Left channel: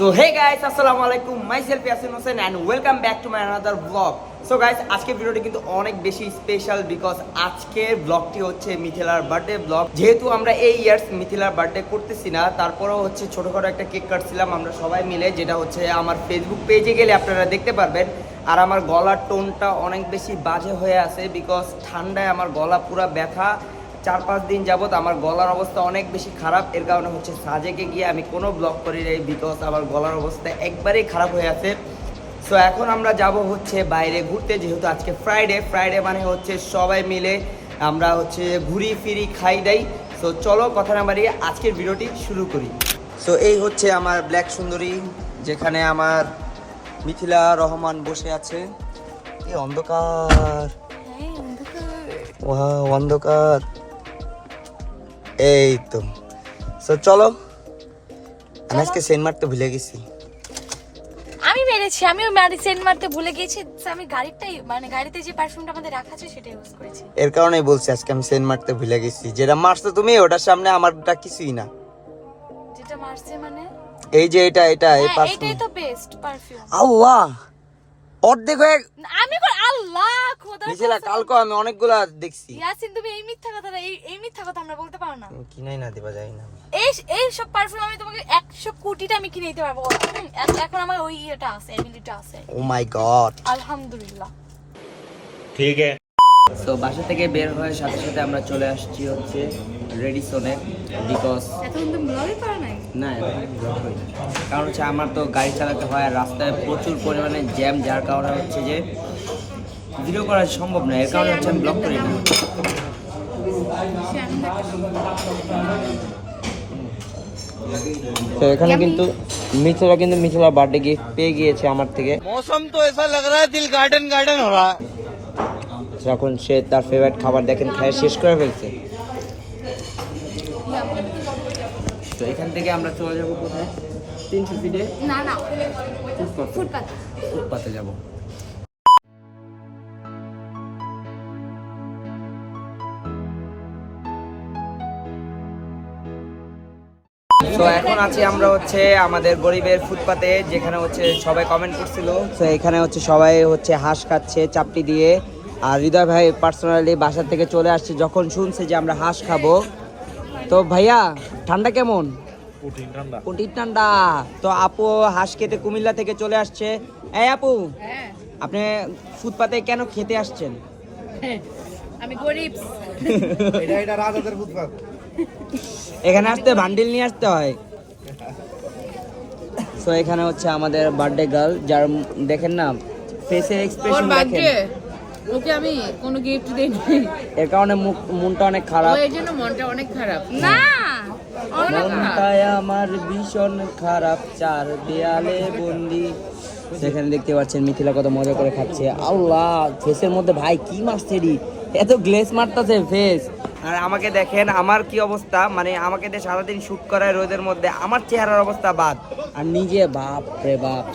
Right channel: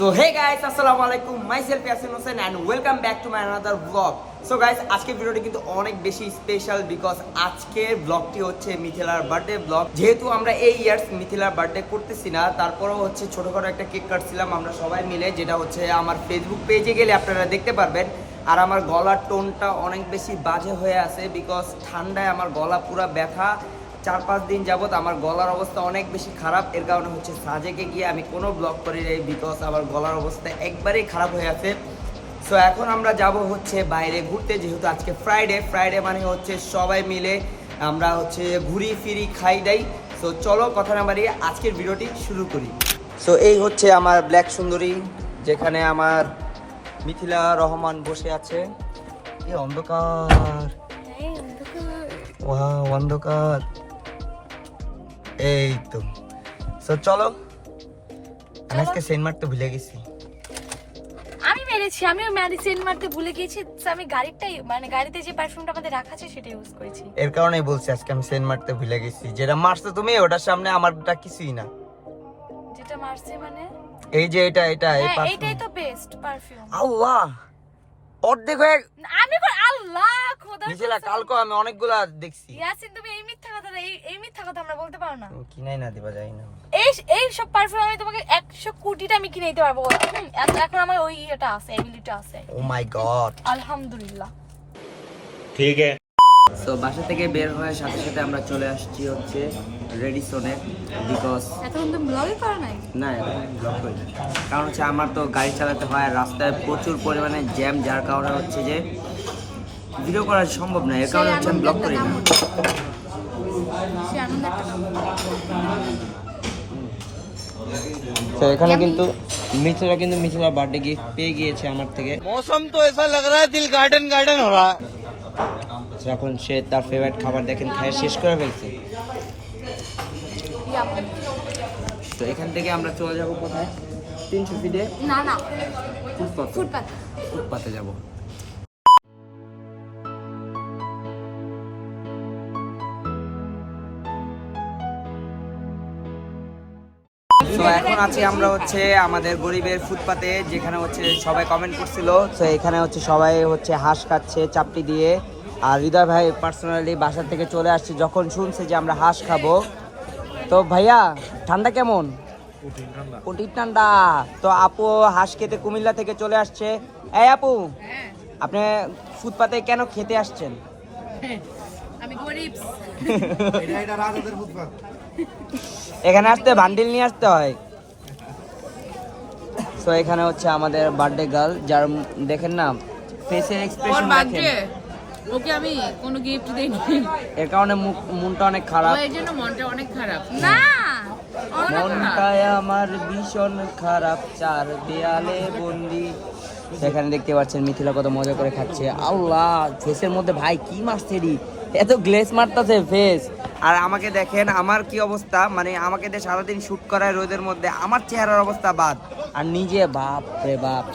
So hey guys, assalamu alaikum. Myself Yasin Hussain and welcome back to my another vlog. So guys, আজকের ভিডিওটি কিন্তু অনেক বেশি special because আজকের ব্লগটি হচ্ছে মিথিলার বার্থডে ব্লগ। যেহেতু আমরা এই ইয়ার্স মিথিলার বার্থডে করতেছি না, তারপরেও হচ্ছে ছোটখাটো একটা কেক কাটছিলাম আমরা সবাই মিলে, যেটা হচ্ছে আমার ফেসবুক পেজে গেলে আপনারা দেখতে পারবেন। আর আমার গলার টোনটা অনেক বেশি বাজে হয়ে আছে বিকজ ঠান্ডায় আমার গলা পুরো ব্যথা। 4-5 দিন যাবত আমার গলার অবস্থা অনেক বেশি খারাপ। এর কারণে হচ্ছে সাজেকে গিয়ে আমি কোনো ব্লগ করি নাই বিকজ আমার গলার অবস্থা একবারেই খারাপ হয়ে আছে। সো এখন আমরা যাব হচ্ছে বাইরে ঘুরতে, যেহেতু আজকে ফ্রাইডে মানে হচ্ছে সবাই মিলে আমরা হচ্ছে ঘুরি ফিরি খাই দাই। সো চলো কথা না বাড়িয়ে আজকের ভিডিওটি শুরু করি। সো এই হচ্ছে আমার ব্ল্যাক সুন্দরী, যেখানে আমার মিথিলা রহমান বসে আছে। কি অন্ধকার, ওয়াও অন্ধকার। এই তো সো চলো। আমি আজকে সেন্ট মারতে ভুলে গেছি। আমি মেরেছি, আমিও সেন্ট মারতে ভুলে গেছি। আমি গাড়িটাই মানে গাড়িতে যে পারফিউমটা আমাদের রাখা আছে সেটা ইউজ করেছি। এর কারণেই বলছি আজকে আমি সেন্ট মারতে ভুলে গেছি। যেটা মারছো তুমি ওটার সামনে আমারটা কিছুই না। যেটা মারছে মানে এই যে এটা এই পারফিউম, এটাই তো বেস্ট পারফিউম। আল্লাহ অর্ধেক হয়ে আমি আল্লাহ খোদা মিছিলা কালকে আমি অনেকগুলা দেখছি। ইয়াসিন তুমি এই মিথ্যা কথা না, এই মিথ্যা কথা আমরা বলতে পারো না। কিনাই না দিবা যাই না। এই সব পারফিউম আমি তোমাকে 100 কোটিটা আমি কিনে দিতে পারবো। এখন আমার ওই এটা আছে, এবিলিটি আছে। ও মাই গড, আলহামদুলিল্লাহ। ঠিক আছে। সো বাসা থেকে বের হয়ে সাথে সাথে আমরা চলে আসছি হচ্ছে রেডিসনে বিকজ এখন তুমি ব্লগই করো নাই? না এখন ব্লগ করি না, কারণ হচ্ছে আমার তো গাড়ি চালাতে হয় আর রাস্তায় প্রচুর পরিমাণে জ্যাম, যার কারণে হচ্ছে যে ভিডিও করা সম্ভব না। এর কারণে হচ্ছে আমি ব্লগ করি না। তো এখানে কিন্তু মিথিলা বার্থডে গিফট পেয়ে গিয়েছে আমার থেকে। मौसम तो ऐसा लग रहा है दिल गार्डन गार्डन हो रहा है। এখন সে তার ফেভারিট খাবার দেখেন খায় শেষ করে ফেলছে। তো এখান থেকে আমরা চলে যাব কোথায়? 300 ফিটে না ফুটপাথে যাব। তো এখন আছি আমরা হচ্ছে আমাদের গরিবের ফুটপাতে, যেখানে হচ্ছে সবাই কমেন্ট করছিল। তো এখানে হচ্ছে সবাই হচ্ছে হাঁস খাচ্ছে চাপটি দিয়ে। আর হৃদয় ভাই পার্সোনালি বাসা থেকে চলে আসছে যখন শুনছে যে আমরা হাঁস খাবো। তো ভাইয়া ঠান্ডা কেমন? কঠিন ঠান্ডা। তো আপু হাঁস খেতে কুমিল্লা থেকে চলে আসছে। এই আপু, আপনি ফুটপাতে কেন খেতে আসছেন? আমি গরিব। এটা রাজাদের ফুটপাত। এখানে আসতে বান্ডিল নিয়ে আসতে হয়। তো এখানে হচ্ছে আমাদের বার্থডে গার্ল, যার দেখেন না ফেসের এক্সপ্রেশন দেখেন। ওকে আমি কোনো গিফট দেইনি, এর কারণে মনটা অনেক খারাপ। এর জন্য মনটা অনেক খারাপ। না মনটাই আমার ভীষণ খারাপ, চার দেয়ালে বন্দি। সেখানে দেখতে পাচ্ছেন মিথিলা কত মজা করে খাচ্ছে। আল্লাহ, ফেসের মধ্যে ভাই কি মারছে রে, এত গ্লেজ মারতেছে ফেস। আর আমাকে দেখেন আমার কি অবস্থা, মানে আমাকে দিয়ে সারাদিন শুট করায় রোদের মধ্যে, আমার চেহারার অবস্থা বাদ। আর নিজে বাপ রে বাপ।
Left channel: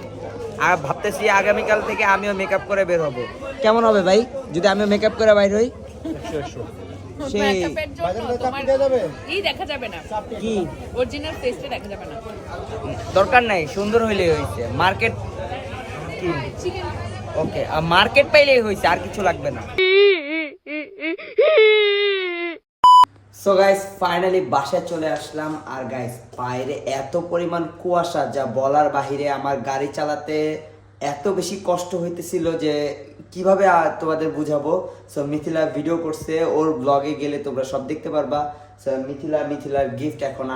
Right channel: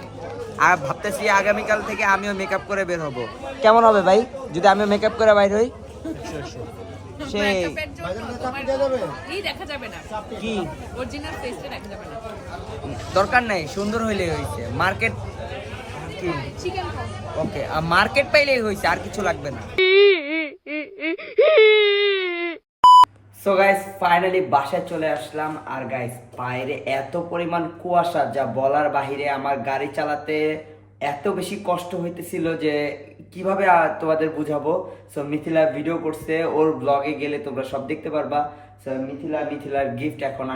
আর ভাবতেছি আগামীকাল থেকে আমিও মেকআপ করে বের হব। কেমন হবে ভাই যদি আমিও মেকআপ করে বাইর হই? সেই দেখা যাবে না, কি অরিজিনাল ফেসটা দেখা যাবে না। দরকার নাই, সুন্দর হইলেই হইছে। মার্কেট কি চিকেন ওকে, মার্কেট পাইলেই হইছে, আর কিছু লাগবে না। সো গাইস ফাইনালি বাসায় চলে আসলাম। আর গাইস বাইরে এত পরিমাণ কুয়াশা যা বলার বাহিরে। আমার গাড়ি চালাতে এত বেশি কষ্ট হইতেছিল যে কিভাবে তোমাদের বুঝাবো। সো মিথিলা ভিডিও করছে, ওর ব্লগে গেলে তোমরা সব দেখতে পারবা। সো মিথিলার গিফট এখন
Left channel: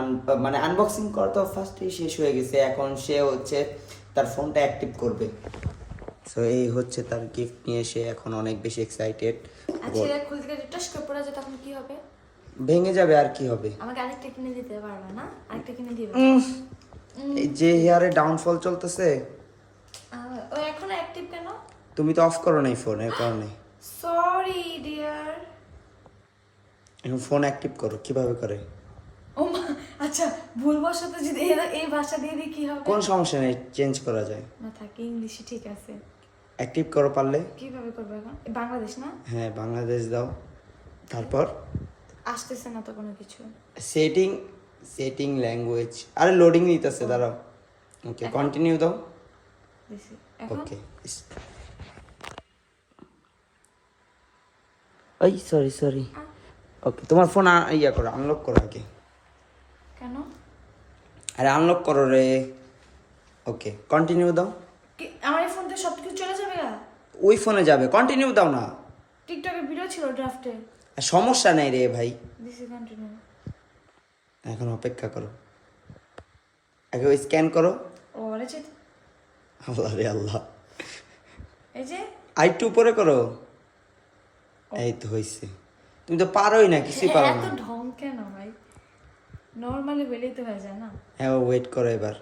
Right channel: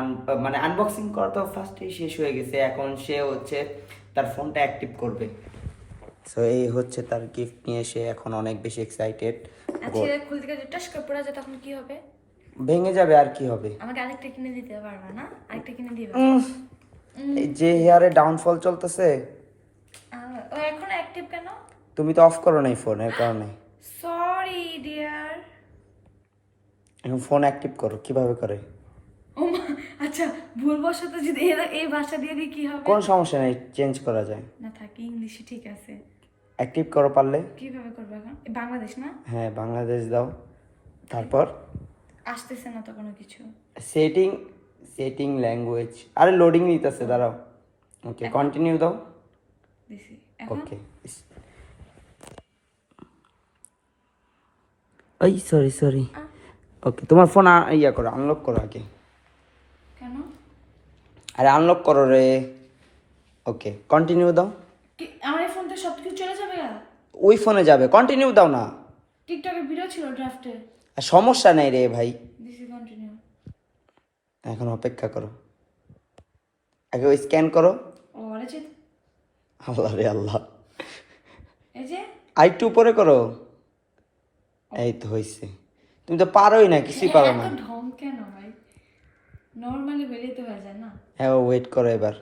মানে আনবক্সিং করা তো ফার্স্টেই শেষ হয়ে গেছে। এখন সে হচ্ছে তার ফোনটা অ্যাক্টিভ করবে। সো এই হচ্ছে তার গিফট নিয়ে সে এখন অনেক বেশি এক্সাইটেড। আচ্ছা খুলতে গেলে টাচ করে পড়া যায়, তখন কি হবে? ভেঙে যাবে আর কি হবে। আমাকে আরেকটা কিনে দিতে পারবে না? আরেকটা কিনে দিবে? এই যে হেয়ারে ডাউনফল চলতেছে। ও এখন অ্যাক্টিভ কেন? তুমি তো অফ করো নাই ফোন, এর কারণে। Sorry dear. এখন ফোন অ্যাক্টিভ করো। কিভাবে করে? ও মা, আচ্ছা ভুলবশত যদি এই ভাষা দিয়ে দিই কি হবে? কোন সমস্যা নেই, চেঞ্জ করা যায়। না থাকে ইংলিশে, ঠিক আছে। অ্যাক্টিভ করো পারলে। কিভাবে করবে এখন? বাংলাদেশ না? হ্যাঁ বাংলাদেশ দাও, তারপর আসতেছে না তো কোনো কিছু। Setting language. আরে লোডিং নিতেছে, দাঁড়াও। ওকে কন্টিনিউ দাও দিছি এখন ওকে ওই সরি ওকে তোমার ফোন ইয়া করো আনলক করো আগে কেন আরে আনলক করো রে ওকে কন্টিনিউ দাও কি আমার এই ফোনটা সবকিছু চলে যাবে না ওই ফোনে যাবে কন্টিনিউ দাও না টিকটকে ভিডিও ছিল ড্রাফটে আর সমস্যা নেই রে ভাই দিছি কন্টিনিউ এখন অপেক্ষা করো আগে ওই স্ক্যান করো ও আরে যে আল্লাহ রে আল্লাহ এই যে আরেকটু উপরে করো এই তো হয়েছে তুমি তো পারোই না কিছুই পারো না এত ঢং কেন ভাই নরমালি বেলেই তো হয়ে যায় না হ্যাঁ ওয়েট করো এবার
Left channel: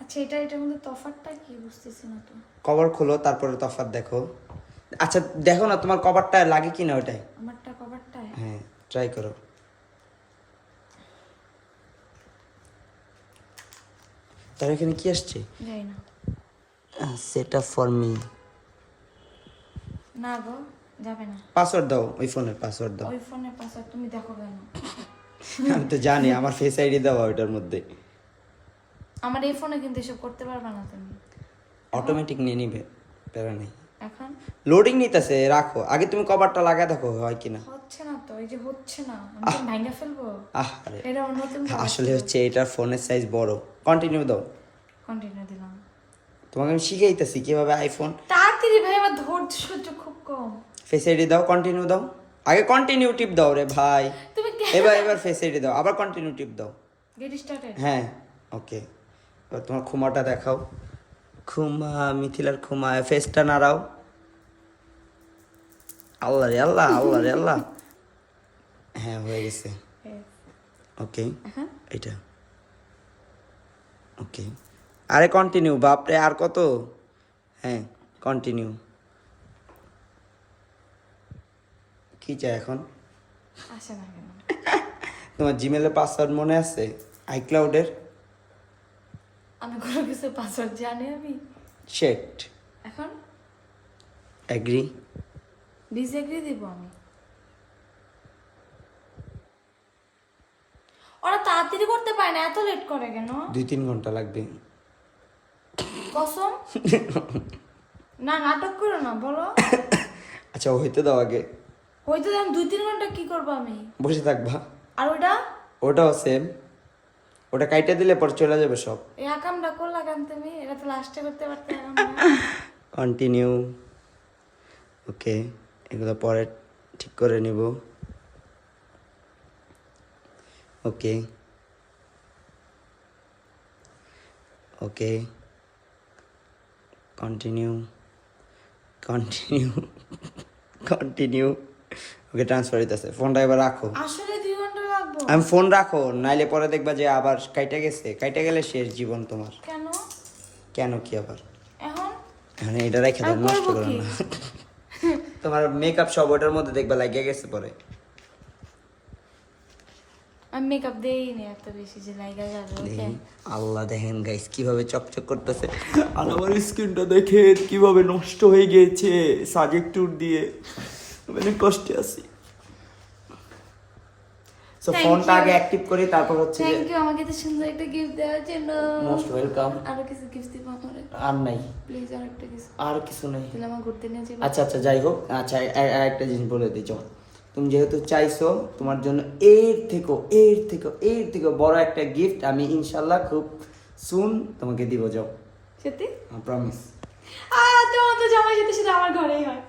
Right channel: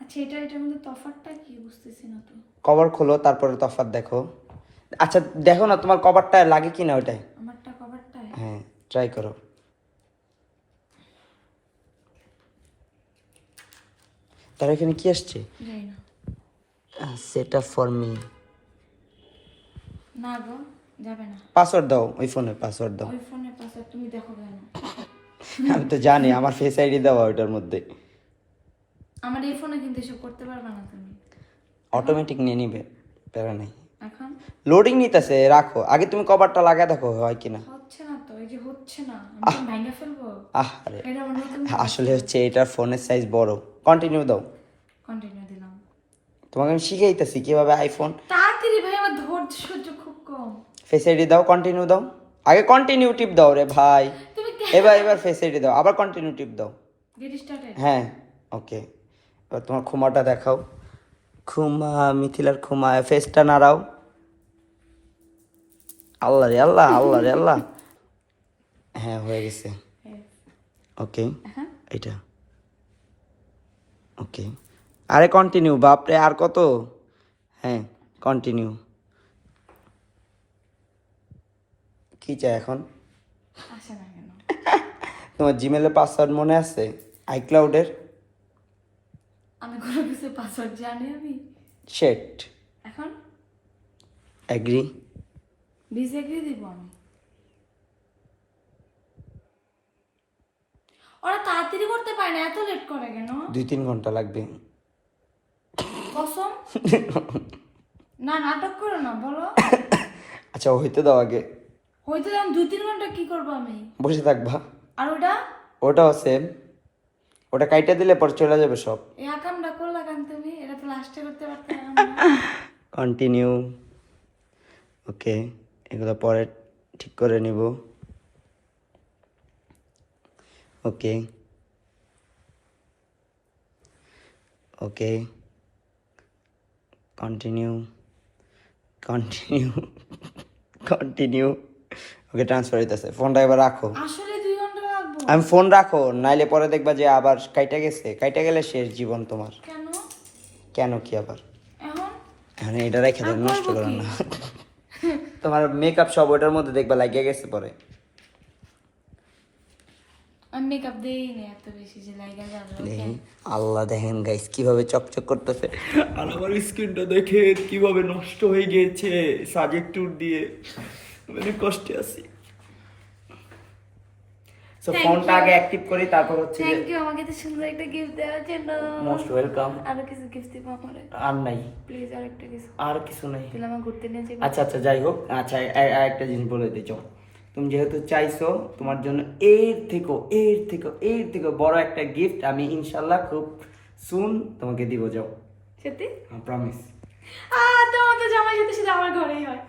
আচ্ছা এটার মধ্যে তফাৎটা কি বুঝতেছি না তো কভার খোলো তারপরে তফাৎ দেখো আচ্ছা দেখো না তোমার কভারটা লাগে কি না ওটাই আমারটা কভারটা হ্যাঁ ট্রাই করো তার এখানে কি আসছে যাই না সেট আপ ফর মি না গো যাবে না পাসওয়ার্ড দাও ওই ফোনের পাসওয়ার্ড দাও ওই ফোনের পাসওয়ার্ড তুমি দেখো কেন আমি তো জানি আমার ফেস আইডি দাও ওইটার মধ্যে আমার এই ফোনে কিন্তু এসব করতে পারবে না তুমি অটোমেটিক নিয়ে নিবে প্যারা নেই এখন লোডিং নিতেছে রাখো আগে তুমি কভারটা লাগা দেখো হয় কিনা হচ্ছে না তো এই যে হচ্ছে না আমি তো ভাঙা ফেলবো আরে এটা অন্য তুমি আসলে হচ্ছে এটার ফোনের সাইজ বড় কন্টিনিউ দাও কন্টিনিউ দিলাম তোমাকে আমি শিখাইতেছি কিভাবে আইফোন তাড়াতাড়ি ভাই আমার ধৈর্য সহ্য খুব কম ফেস আইডি দাও কন্টিনিউ দাও আগে কন্টিনিউ টিপ দাও রে ভাই তুমি এবার ফেস আইডি দাও আবার কন্টিনিউ টিপ দাও গেট স্টার্টেড হ্যাঁ ওকে এবার তোমার খুমাটা দেখাও খুমা মিথিলার খুমা ফেসটা নাড়াও আল্লাহ রে আল্লাহ আল্লাহ রে আল্লাহ হ্যাঁ হয়ে গেছে ওকে এখন এটা ওকে আরে কন্টিনিউ বাপরে আর কত হ্যাঁ কন্টিনিউ কি চাই এখন আসে না কেন তোমার জিমেলের পাসওয়ার্ড মনে আছে আইক্লাউডের আমি কোনো কিছু পাসওয়ার্ড জানি আমি শেট এখন অ্যাগ্রি ডিসএগ্রি দিব আমি ওরা তাড়াতাড়ি করতে পারে না এত লেট করে কেন 2-3 ঘন্টা লাগবে কসম না নাটক করো না বলো আচ্ছা হইতে দাও আগে হয়তো আমি 2-3 ঘন্টা কি করবো আমি বসে থাকবা আর ওটা ওটাও সেম ওটা কাইটা দিলে পর চলে যাবে সব এই আকামটা করলা কেন তুমি এটা তো লাস্টে করতে পারতে কন্টিনিউ ওকে এগুলো পরে ঠিক করে নিব okay okay continue continue okay transfer হইতেছে ফোনটা এবার রাখো আসলে 2 ঘন্টা লাগবে আমি ফোন রাখো নাইলে পরে দেখবা যে আবার কাইটা গেছে কাইটা গেলে শেষ জীবন তোমার কেন কেন কি আবার এখন এখন এটা রেখে দেন নষ্ট করো না তোমার মেকআপ সব ওটার মধ্যে দেখবা লাগিয়ে গেছে পরে আমি মেকআপ দেইনি এত বেশি যে লাগা যাবে দেখেন আল্লাহ দেখেন গাইস কিভাবে চকচক করতেছে আর আমার স্কিনটা দেখেন কিভাবে নষ্ট হয়ে গিয়েছে সাজেক্টুর দিয়ে মানে কষ্টে আছি সো ফোনটা আগে অ্যাক্টিভ করি তারপর হচ্ছে যে থ্যাংক ইউ আমাকে এত সুন্দর একটা গিফট দেওয়ার জন্য মোস্ট ওয়েলকাম আরো কিছু গিফট দিব আমারে আর নাই প্লিজ আর একটা কিছু আর কিছু নাই তাহলে আমার ঘুরতে নিয়ে যাবে আচ্ছা আচ্ছা যাই হোক আচ্ছা একটা জিনিস বলে দিই চল তুমি যেহেতু চাইছো তোমার জন্য এর থেকে বড় একটা গিফট আমি ইনশাল্লাহ খুব সুন তোমাকে দিব যাও সত্যি প্রমিস তোমার তো জামা যেতে শুধু আমার ঘরেই হয়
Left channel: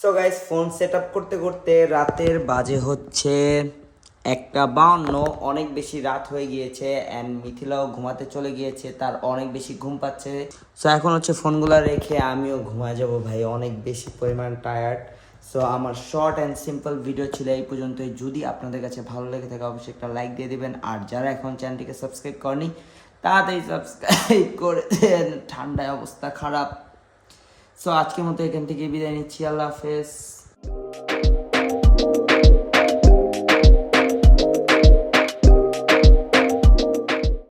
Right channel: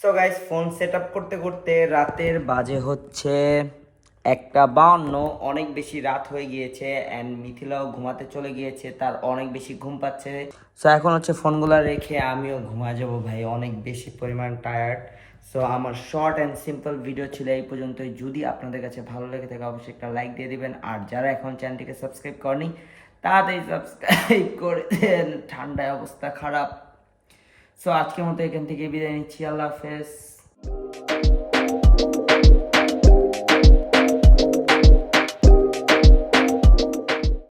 so guys phone set up করতে করতে রাতের বাজে হচ্ছে 1:52 অনেক বেশি রাত হয়ে গিয়েছে অ্যান্ড মিথিলাও ঘুমাতে চলে গিয়েছে তার অনেক বেশি ঘুম পাচ্ছে সো এখন হচ্ছে ফোনগুলো রেখে আমিও ঘুমা যাব ভাই অনেক বেশি পরিমাণ টায়ার্ড সো আমার শর্ট অ্যান্ড সিম্পল ভিডিও ছিল এই পর্যন্তই যদি আপনাদের কাছে ভালো লেগে থাকে অবশ্যই একটা লাইক দিয়ে দিবেন আর যারা এখন চ্যানেলটিকে সাবস্ক্রাইব করেনি তাড়াতাড়ি সাবস্ক্রাইব করে দেন ঠান্ডায় অবস্থা খারাপ সো আজকের মতো এখান থেকে বিদায় নিচ্ছি আল্লাহ হাফেজ